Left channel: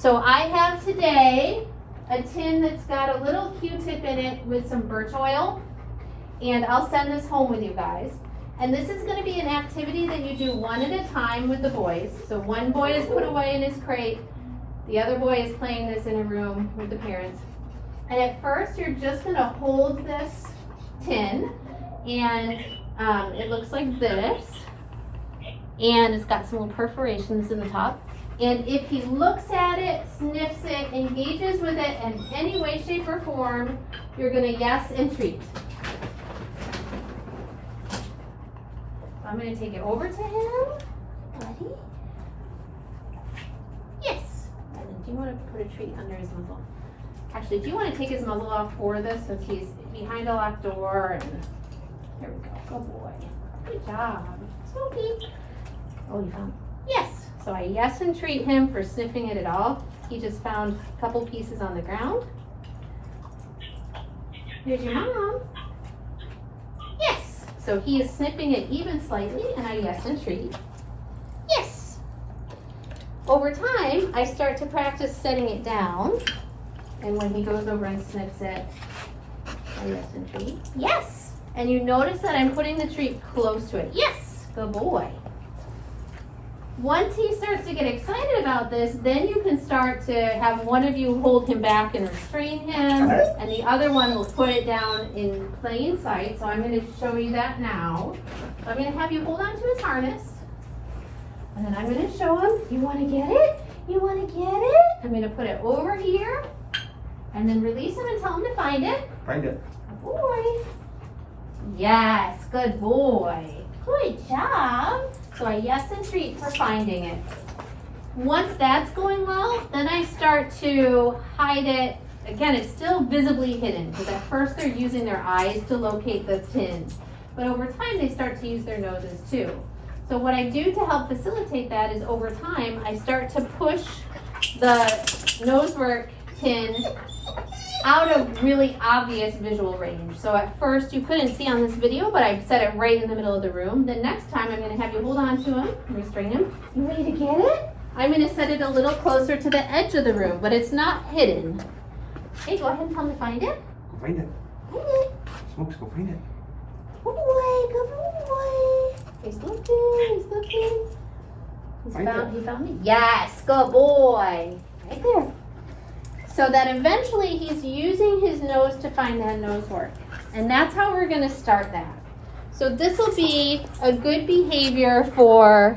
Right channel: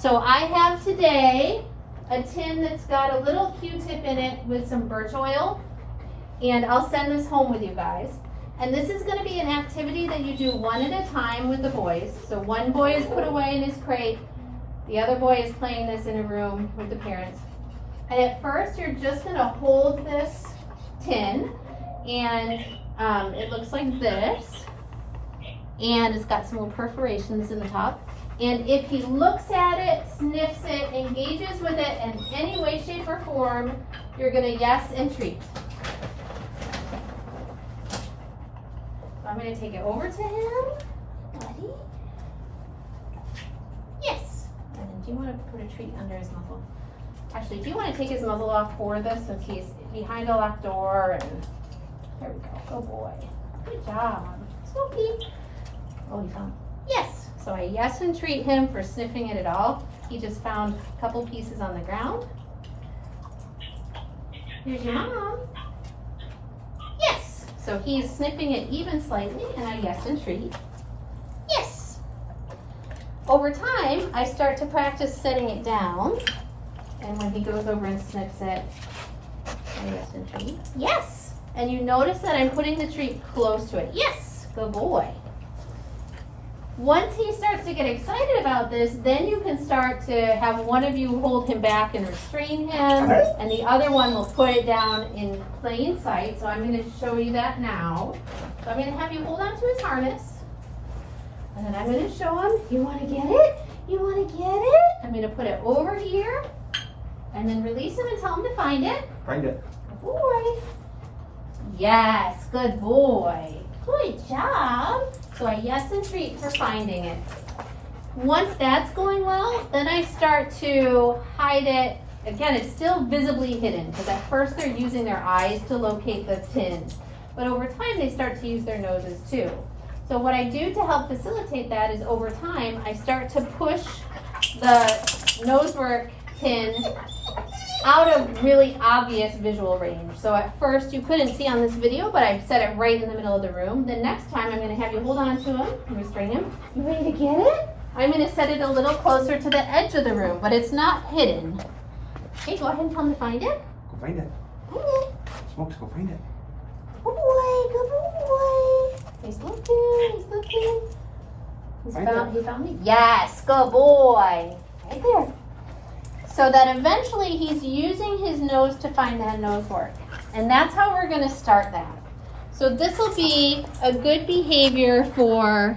So I have today a tin that's got a little Q-tip in it with some birch oil, and I'll send this home with you guys. And this is going to be an activity that you do one at a time with the boys. So one boy is put away in his crate, the other boy is playing this in a room with the parents. And at first you're just going to hold this tin, and it looks like this, and it's got some little perforations in the top. And if he looks at it, sniffs it, engages with it in any way, shape, or form, you're going to yes and treat. I'm going to take it over to him. Buddy? Yes. And then do you want to put a treat under his muzzle? Actually, do you want to take his muzzle off for this since he's behind a locked door? And there we go. Good boy. Good job. Smokey. Oh, you found it? Yes. So I yes and treat him for sniffing it at all. He just found a couple pieces on the ground. Here's your mom. Yes. So he is sniffing it even slightly, and I yes and treat. Yes. Over time, I start to practice setting it down. And when he goes over and sniffs it, I yes and treat. Yes. And you notice that I'm putting the treat close to it. Yes. Good boy. Once he starts to get excited about this, then you can start to have one of you hold him back and restrain him, and the other one will put it down in plain sight. So I'm going to show you that now. So I'm going to have you hold on to his harness, and then I'm going to show him, you want to get it? You want to get it? I'm going to put it over here, and then release him and tell him to find it. Find it. Good boy. Yes, good boy. Good job. So I yes and treat for finding it. Once that's going well, then I start to hide it. Again, it's still visibly hidden because at first they're using their eyes to locate the tin. But over time they start to use their noses too. So what I do to help facilitate that is over time I start to push the nosework tin out of really obvious visual range. So at first you couldn't see on this video, but I've set it right in the middle of the room. The next time I'm going to have you hold on to him and restrain him. You ready to get it? I'm going to set it a little closer to the edge of the room, but it's not hidden. Hey, go ahead and tell me to find it. Go find it. Find it. Smokes, go find it. Good boy, good boy. He's looking, he's looking. He found me? Yes, good boy. Right there. So that eventually he's using his nose to find that nosework. And that's how we're going to start that. So this will be a good behavior for